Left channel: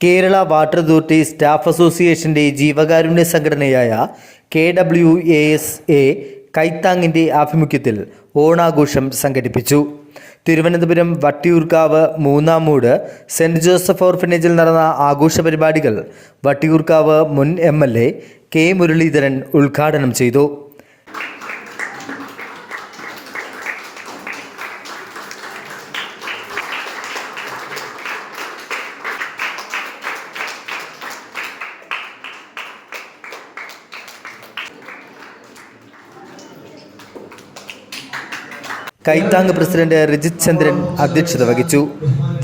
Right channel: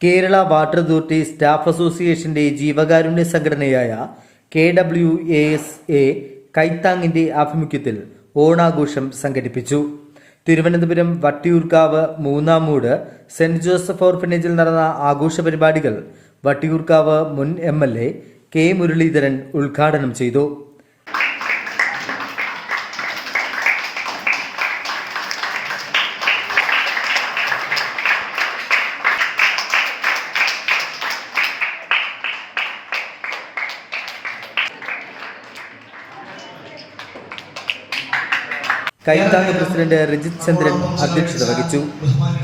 Kerala water authority staff അസോസിയേഷന്റെ ജീവകാരുണ്യ സംഘടനയായ K W A S A കൈത്താങ്ങിന്റെ ആഭിമുഖ്യത്തിൽ ഓണാഘോഷം സംഘടിപ്പിച്ചു. തിരുവനന്തപുരം വട്ടിയൂർക്കാവ് മൂന്നാമൂട് സെന്റ് ജോസഫ് ഓർഫനേജിൽ നടന്ന ആഘോഷ പരിപാടികൾ വട്ടിയൂർക്കാവ് മുൻ M L A K Muraleedharan ഉദ്ഘാടനം ചെയ്തു. കൈത്താങ് പ്രസിഡന്റ് രജിത് ചന്ദ്രൻ അധ്യക്ഷത വഹിച്ചു.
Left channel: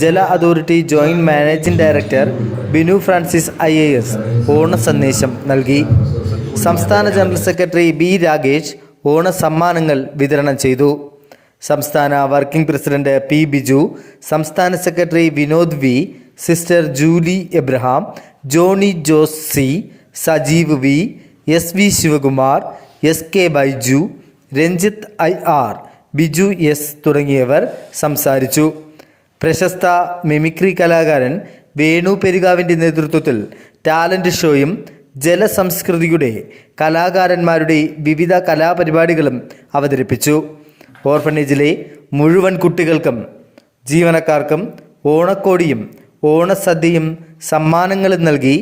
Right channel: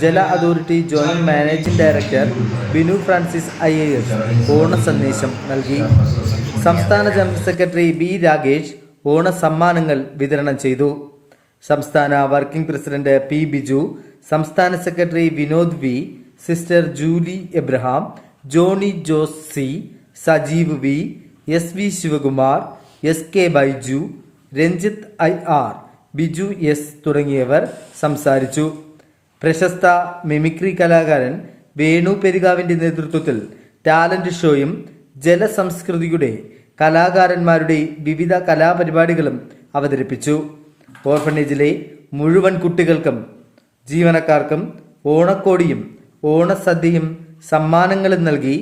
ജല authority joint managing director Binu Francis I A S ഓണ സന്ദേശം നൽകി. സംസ്ഥാന ജനറൽ സെക്രട്ടറി ബി രാഗേഷ് ഓണ സമ്മാനങ്ങൾ വിതരണം ചെയ്തു. സംസ്ഥാന വർക്കിംഗ് പ്രസിഡന്റ് പി ബിജു സംസ്ഥാന secretary Vinod V sister Julie Abraham Johnny Jose C Sajeev V S V Sivakumar S K Baiju Ranjith I R Biju S തുടങ്ങിയവർ സംസാരിച്ചു. പ്രശസ്ത മിമിക്രി കലാകാരൻ വേണു പെരുകാവിന്റെ നേതൃത്വത്തിൽ ടാലന്റ് ഷോയും ജലസംസ്കൃതിയുടെ കലാകാരന്മാരുടെ വിവിധ കലാപരിപാടികളും അവതരിപ്പിച്ചു. ഓർഫനേജിലെ മുഴുവൻ കുട്ടികൾക്കും ജീവനക്കാർക്കും ഓണക്കോടിയും ഓണസദ്യയും സമ്മാനങ്ങളും നൽകി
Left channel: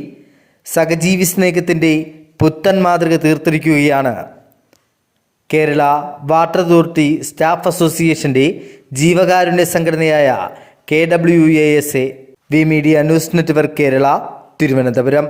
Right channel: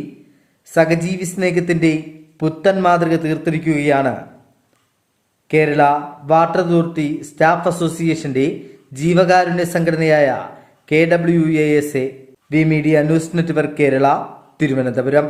സഹജീവി സ്നേഹത്തിന്റെ പുത്തൻ മാതൃക തീർത്തിരിക്കുകയാണ് കേരള വാട്ടർ അതോറിറ്റി സ്റ്റാഫ് അസോസിയേഷന്റെ ജീവകാരുണ്യ സംഘടനയായ K W A S A V media news network Kerala Thiruvananthapuram.